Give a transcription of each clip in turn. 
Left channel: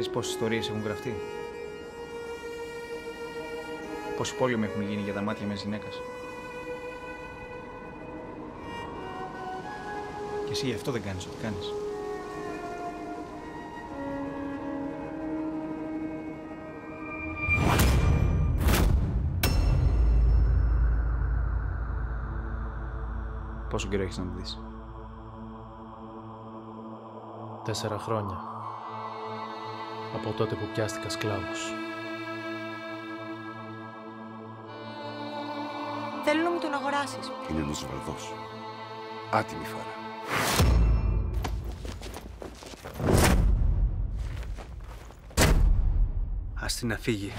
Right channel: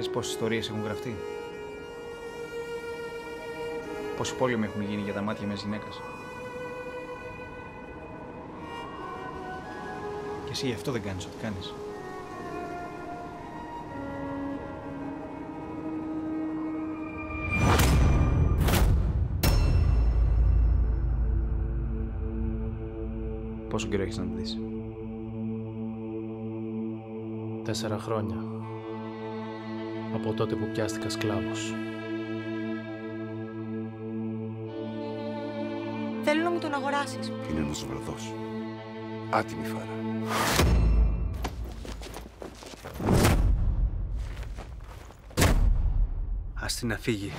Ξέρεις πόσες ιστορίες έχουν γραφτεί? Πόσοι πόλεμοι έχουν γίνει για τα μάτια μιας γυναίκας? Και εσύ γι' αυτό δεν κάνεις ό,τι κάνεις. Πόσο καιρό έχεις να τη δεις? 4 χρόνια. Από τότε που πιάστηκα σκλάβος. Θέλω να μου τον αγοράσεις. Είναι ένας βραδός. Άτιμη φάρα. Ας την να φύγει.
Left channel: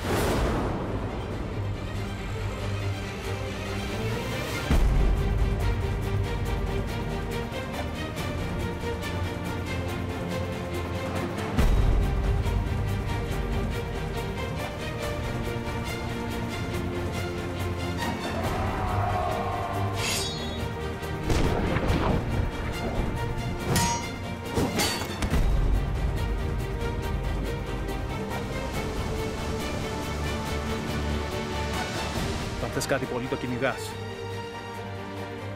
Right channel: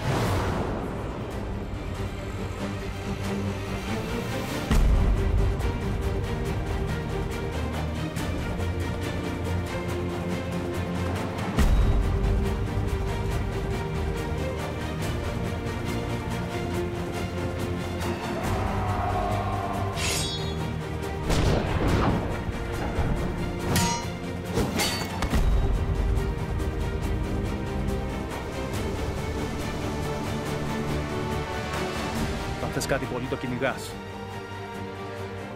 Αν θες κάτι πολύ το κυνηγάς.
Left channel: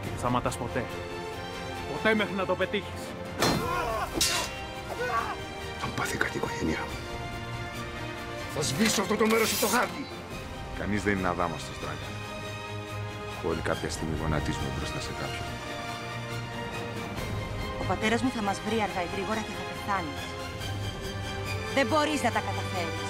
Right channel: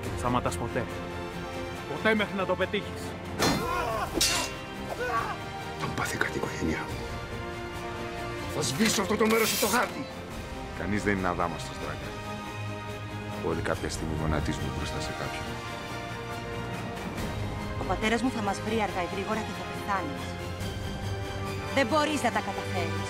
Και δεν σταματάς ποτέ. Ποτέ μέχρι να το πετύχεις. Αν πάθει κάτι η οικογένειά μου, θα σβήσω αυτό το μέρος από το χάρτη. Κανείς δεν είναι αδάμαστος, Δράκα. Όλοι κάποια στιγμή γονατίζουμε μπροστά σε κάποιον. Ο πατέρας μου θα μας βρει αργά ή γρήγορα και θα πεθάνεις. Δεν μπορείς να τα καταφέρεις.